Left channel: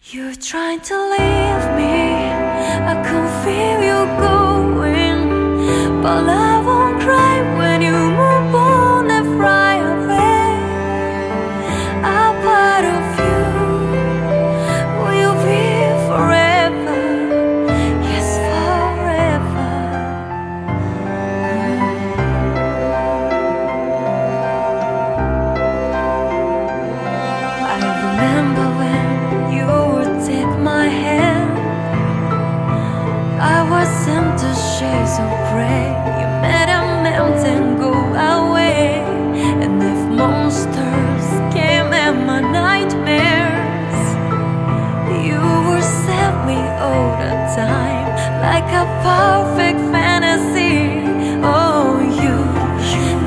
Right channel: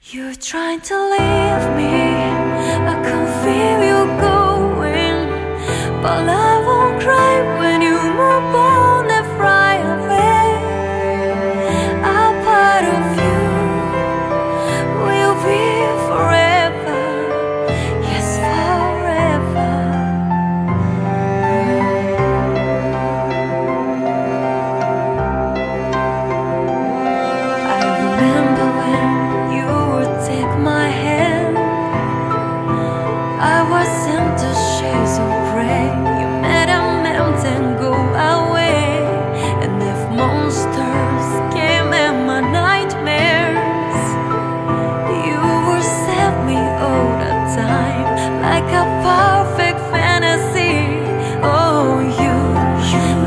You're trying to leave me, I can feel you going, but I won't cry when you move on and fly away. A part of you will be forever, yes, forever. I remember when you would take my hand, I was into shades of gray. You made a mountain go away, and if monsters came in my nightmares, you would save me all the time, like a perfect fantasy. Oh, you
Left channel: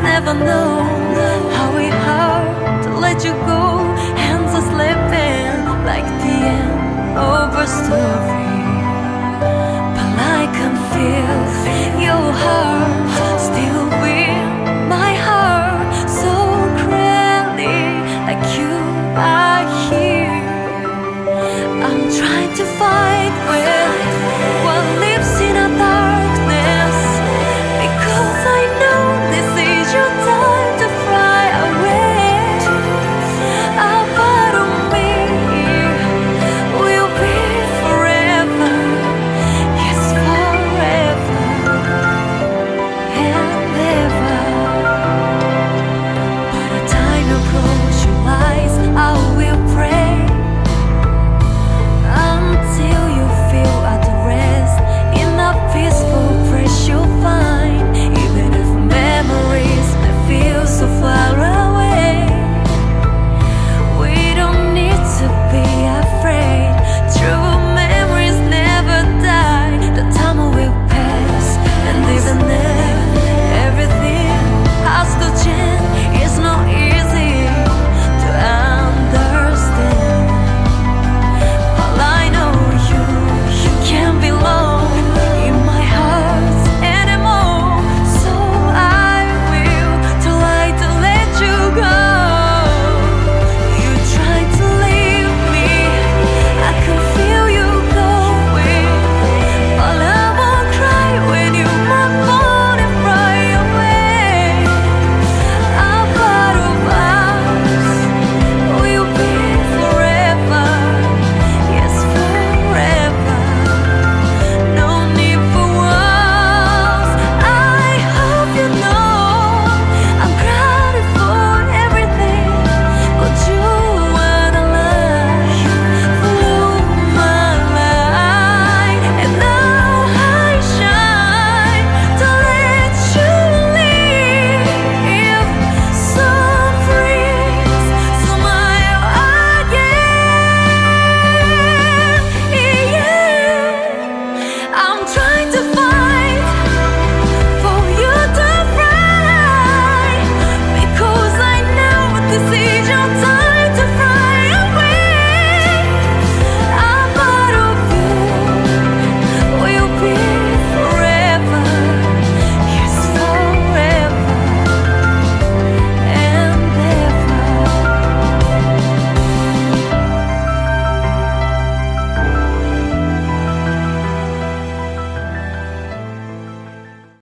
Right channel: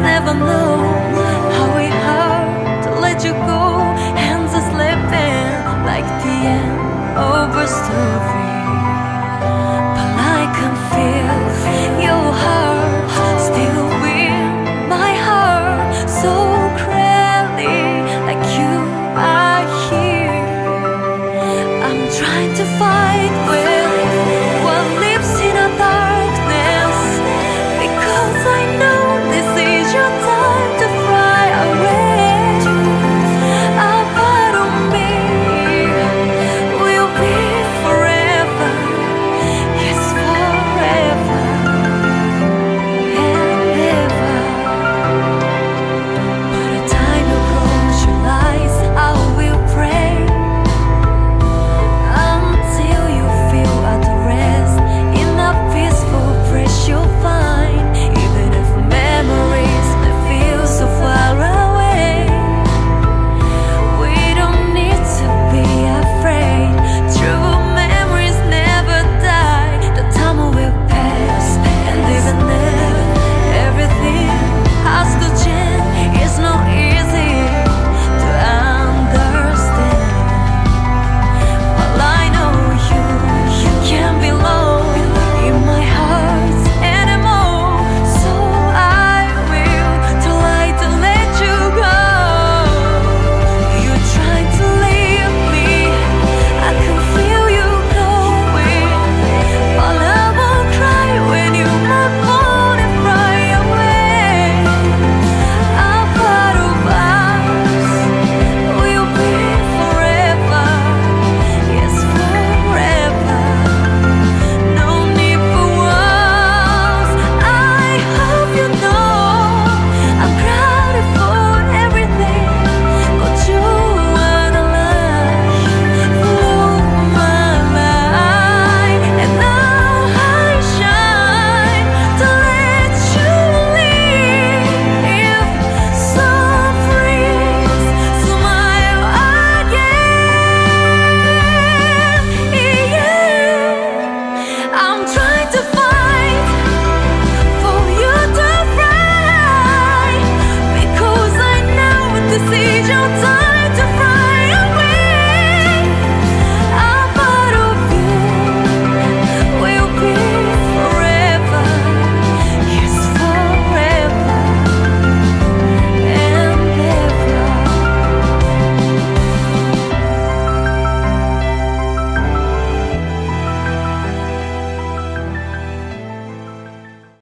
never know how it hurt to let you go, hands are slipping like the end of a story. I can feel your heart still beat my heart so clearly, like you are here. I'm trying to fight with